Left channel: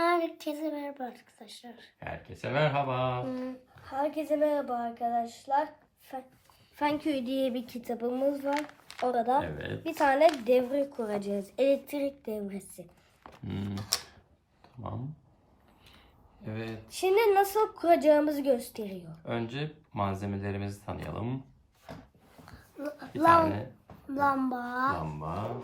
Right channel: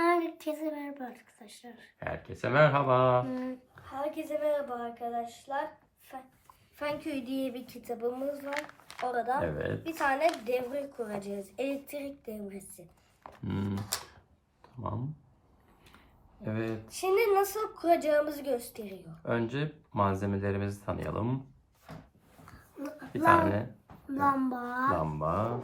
Herkese merhaba arkadaşlar. Herkese merhaba. Herkese merhaba arkadaşlar. Fen, Fenköy diye bir kitabımız var. Orada Evet. bir tane devre kuracağız. Elektrik devresi. Hmm, Tamam. Evet. Şimdi nasıl kuracağımızı gösteriyor. Önce malzemelerimizi tanıyalım. Bir tane Lamba. lamba.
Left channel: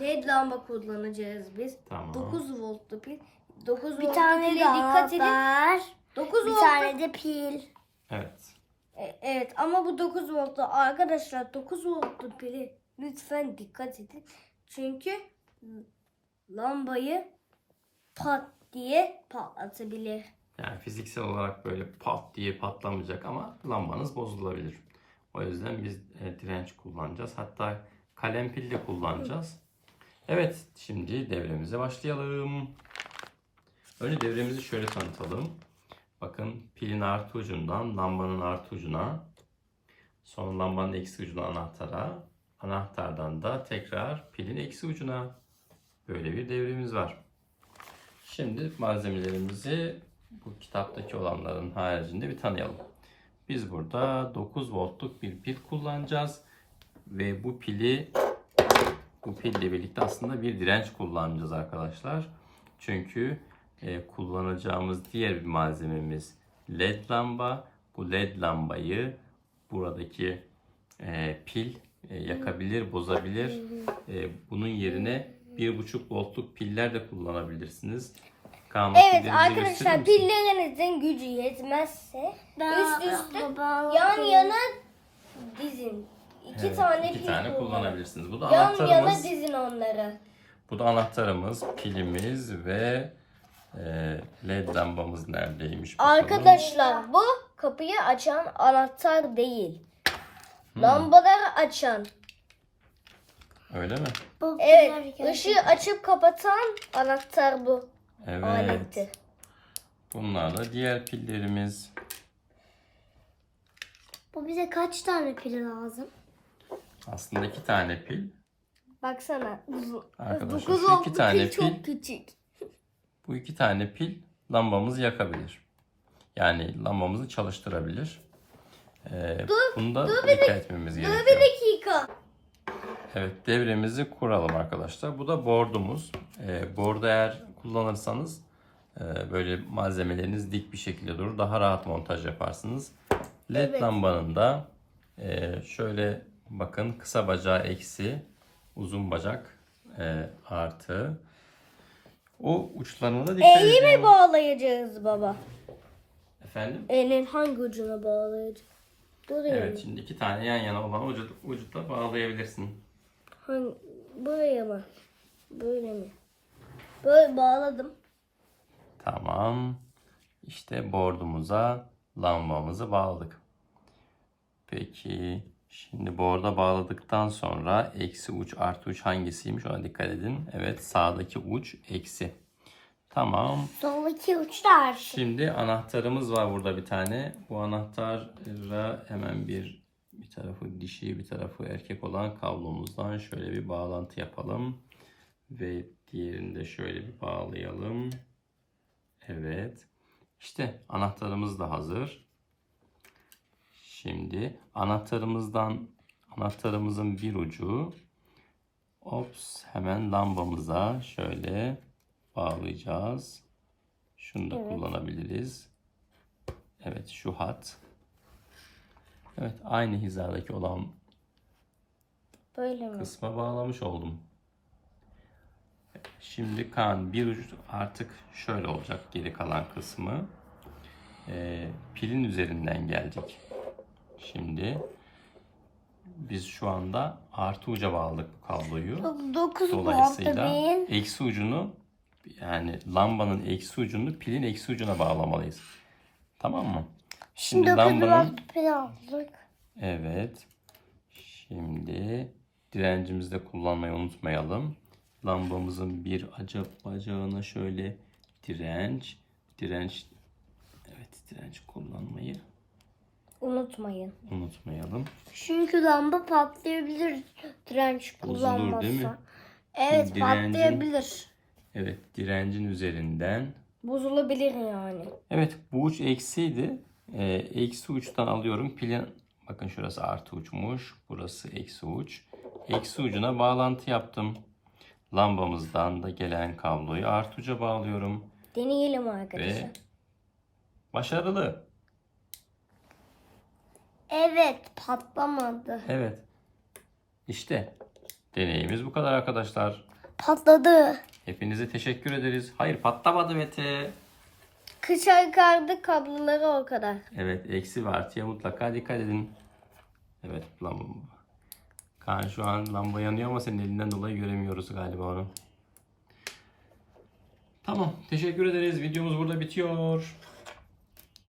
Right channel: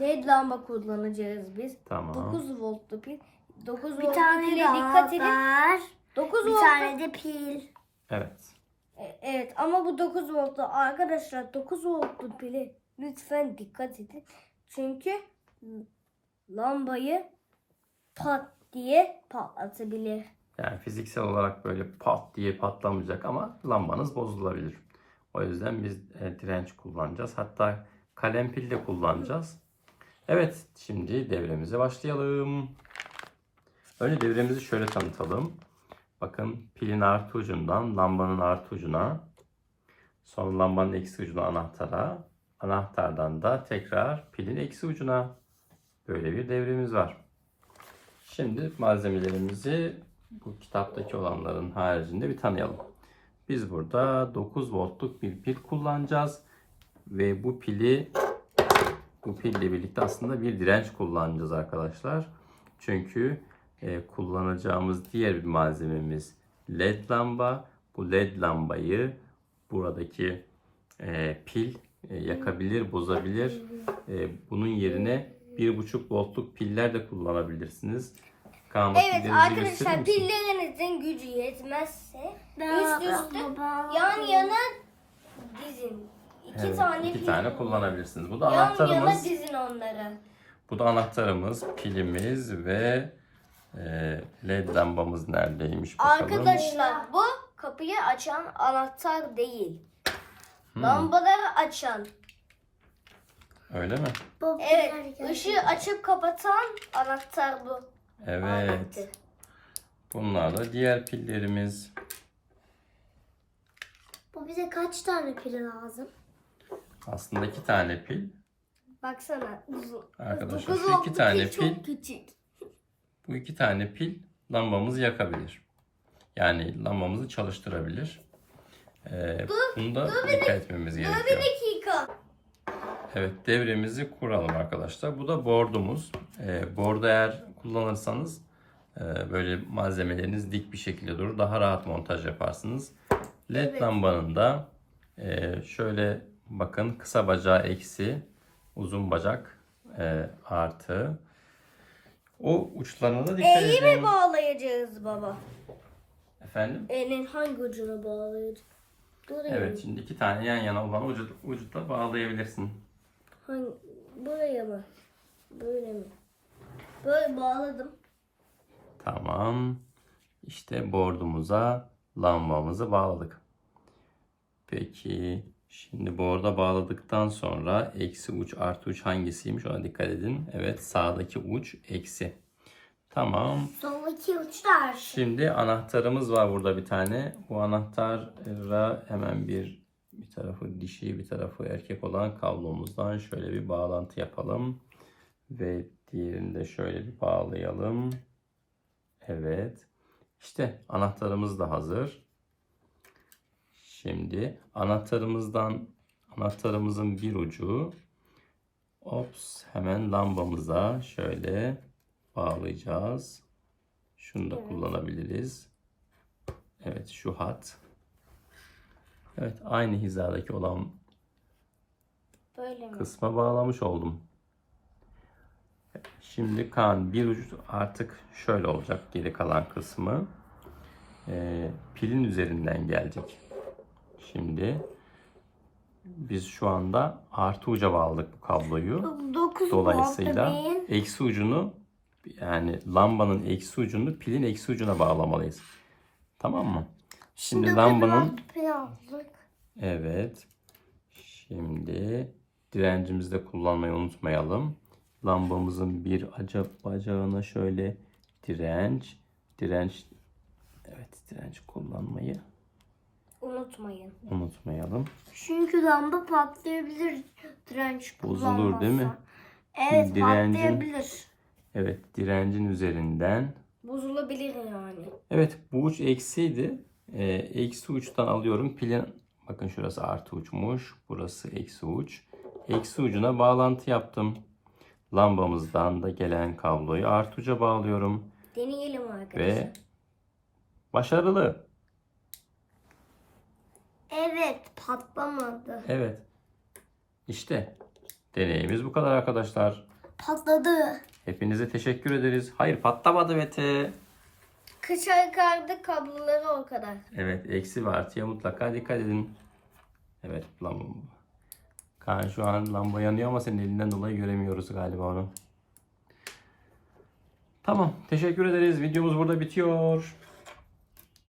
LED lamba kullanacağız biz. Tamam. 9 voltlu pil. 9 Bir tane pile dikkat edin. var. 9 Bir voltlu. tane de pil. Evet. E- Evet ama bu 9 voltlu arkadaşlar 9 voltlu pili lütfen dikkat edin. Çünkü lambayı pat diye patlatabilir. Yani fiziksel olarak böyle pat diye patlamayacak ama lambanız bozulabilir. O yüzden biz e, direnç kullanacağız. Hatta kalem pil de kullanacağız. Evet, şimdi devremize başlayalım. Önce devremizi şöyle tanıtalım. Bakın pilin artı ucundan lambanın artı ucuna, sonra lambanın eksi ucuna anahtara, anahtardan da tekrar pilin eksi ucuna. Böyle bir devremiz var. Şimdi malzemelerimizi bu kitaptaki olanların haricinde bir tanıyalım. Biz burada 9 voltluk bir pil kullanacağız ve bu pili bu pille birlikte aslında bir direnç kullanacağız arkadaşlar. Çünkü e, kullanacağımız diğer bir malzememiz led lamba. Bu led lambayı buradaki e, pil e, yakabilir, bozabilir. E, bunun yerine 1.5 voltluk piller de kullanabilirsiniz. Kaan Evet pillerinizi gösterir arkadaşlar misin? pillerinizin gücü yetmezse üst üste yan yana dizin. İki Evet, tane iki pil tane kullanabilirsiniz. Bu da Yan yana anahtarımız. dizin onları. Bu da anahtarımız, pilimiz ve e, led lambamız neredeymiş bakalım. Arkadaşlar bu kapıyı açan anahtar değil. Hmm, Lambaları açan. öyle mi? Bu Evet ışığı açıp kapatan anahtar bu. Evet. Aletti. Bunlar da diğer pillerimiz. Bu bize kaç tane pil lazım? Aslında iki tane pil. Baksana. Arkadaşlar Dokuz şu iki tane pil pil, çok küçük. Bu iki tane pil lambamızı yakabilir. Yani lambamızı çalıştırabilir. Ee, bunda dikkat etmemiz Dur gerekiyor. bir dakika. Evet devremizi kuralım arkadaşlar. Bu da boardumuz. Ee, boardu eğer kullanırsanız e, böyle malzemeleriniz dik bir şekilde durur. Daha rahat montaj yaparsınız. LED Evet. lambanın da e, şöyle bakın kısa bacağı eksi, uzun bacak e, artı. O uçlarına da dikkat E'yi mi bağlayacağız baba? Efendim? E'nin hangi ucuna bağlayacağız? Dur Evet şimdi iki tane yan yana olan ucu, ucu da bağlayabilirsin. Hangi, buraya mı? Böyle mi? Böyle bağladım. Tamam. İşte board'umuza lambamızı bağladık. Peki şimdi board'a bağladıktan sonra eksi uç artı uç hangisiymiş ona dikkat edin. Evet sağdaki uç eksi. Tamam. Soldaki uçlar. Şimdi anahtarımız var burada bir tane. Bu anahtara hemen bir bir tarafı dişi bir tarafı erkek olan kablomuzdan şöyle bir bağlantı yapalım. Ve diğerini de şöyle bir bağlayalım. Evet. İşte anahtarımız da hazır. Şimdi anahtarımızdan anahtarımızın bir ucu ops hemen lambamıza şöyle bağlayacağız. Şunu da kullanabiliriz. Evet şu hat. Evet aynı hizadaki olan Böyle mi? kısma bağlamış oldum. Şimdi kan bir ucu artık şöyle olacak geri kalan kısmı. Ee, pilin üzerinden gelecek. Şimdi biz şu anda artı uca bağladık bu kabloyu. 9 Dolayısıyla eksi ucunu yani lambanın eksi ucunu pilin eksi ucuna bağlamalıyız. Tamam mı? Şimdi dokuz lambanın evet. Şimdi direncimizi de kullanmayı unutmayalım. Lambamızın bir acaba bacağına şöyle direnç, direnç evet direnç kullanmayı Unutmayın. unutmayalım. Çünkü lamba patlayabilir direnç Bozulur, kullanmazsa. değil mi? Evet Direncin- patlayabilir. Evet direncin üzerinden Bozulabilir yani. Evet bu uç eksiydi. Ee, eksi uçtan alıyorum. Pilin bakın şurası artı uçmuş. Burası eksi uç. Eksi ucuna bağlantı yaptım. Lambamızdan da gelen kabloyu artı uca bağlıyorum. Deneyelim arkadaşlar. Ve başarılı. Evet patlamadı. Evet. İşte deneyimiz bu kadar arkadaşlar. Patladı. Hepinize teşekkür ederiz. Hayır patlamadı Mete. Kışa kardı kabloları o kadar. Evet eksi ve artıya mutlaka dikkat edin. Evet lamba. Kaan şu an lamba yanıyor ama senin elinden dolayı göremiyoruz galiba onu. Tamam teşekkür ederiz. Videomuz burada bitiyor.